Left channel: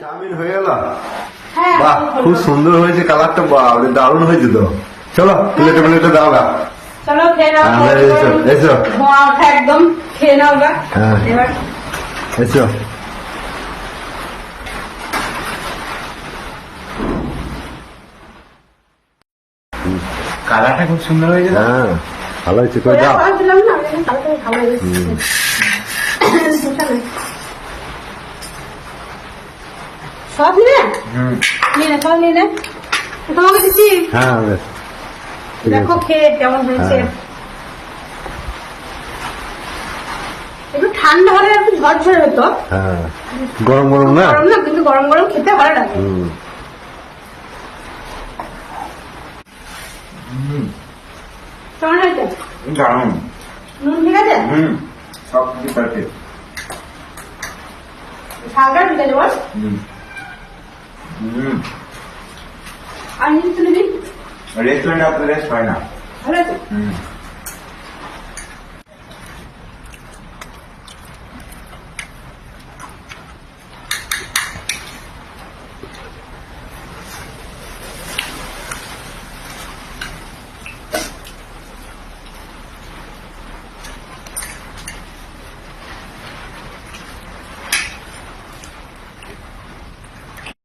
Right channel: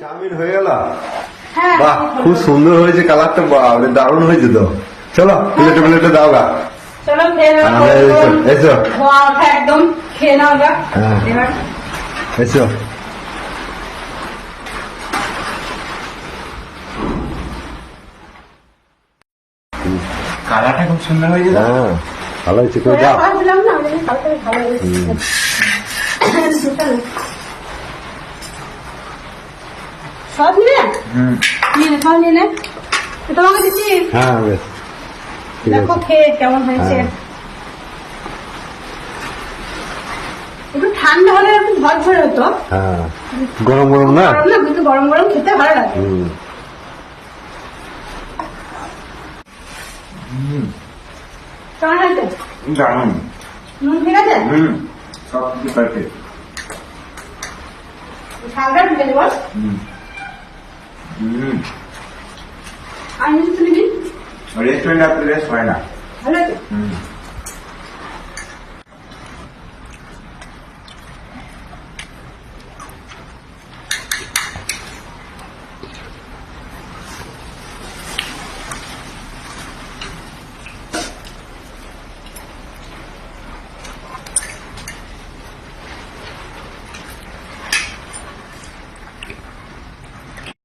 Chowmein হয়ে গেল। বাহ, খুব সুন্দর হয়েছে, কালারটা বাপরে দারুণ হয়েছে তো। চলো প্লেটে প্লেটে দাও গা। চলো খেয়ে নাও। এসো এসো। ধোঁয়া ওঠা একদম, খেয়ে নাও গা। হ্যাঁ এবার এসো। কালারটা খুব সুন্দর হয়েছে। হ্যাঁ ভালো হয়েছে, করে দাও। দিলাম না, ভালো হয়েছে। সব নিয়ে সব নিয়ে তোমাকে দিচ্ছি। হ্যাঁ বেশ ঠিক দেখো আছে। খেয়ে কেমন হয়েছে। হ্যাঁ। একটু ঠান্ডা হলে একটু ঝরঝরে হতো। হ্যাঁ গরম গরম না। গরম না, কিন্তু গরম গরম খেতে ভালো লাগে। কেমন হয়েছে? দারুণ। নুন ঠিক আছে? সব কিছু পারফেক্ট। ঝালটা ঢুকে দেবো। আর নিচে তুলে দিই। রেস্টুরেন্ট আর রেস্ট হয় না। ভালো আছে?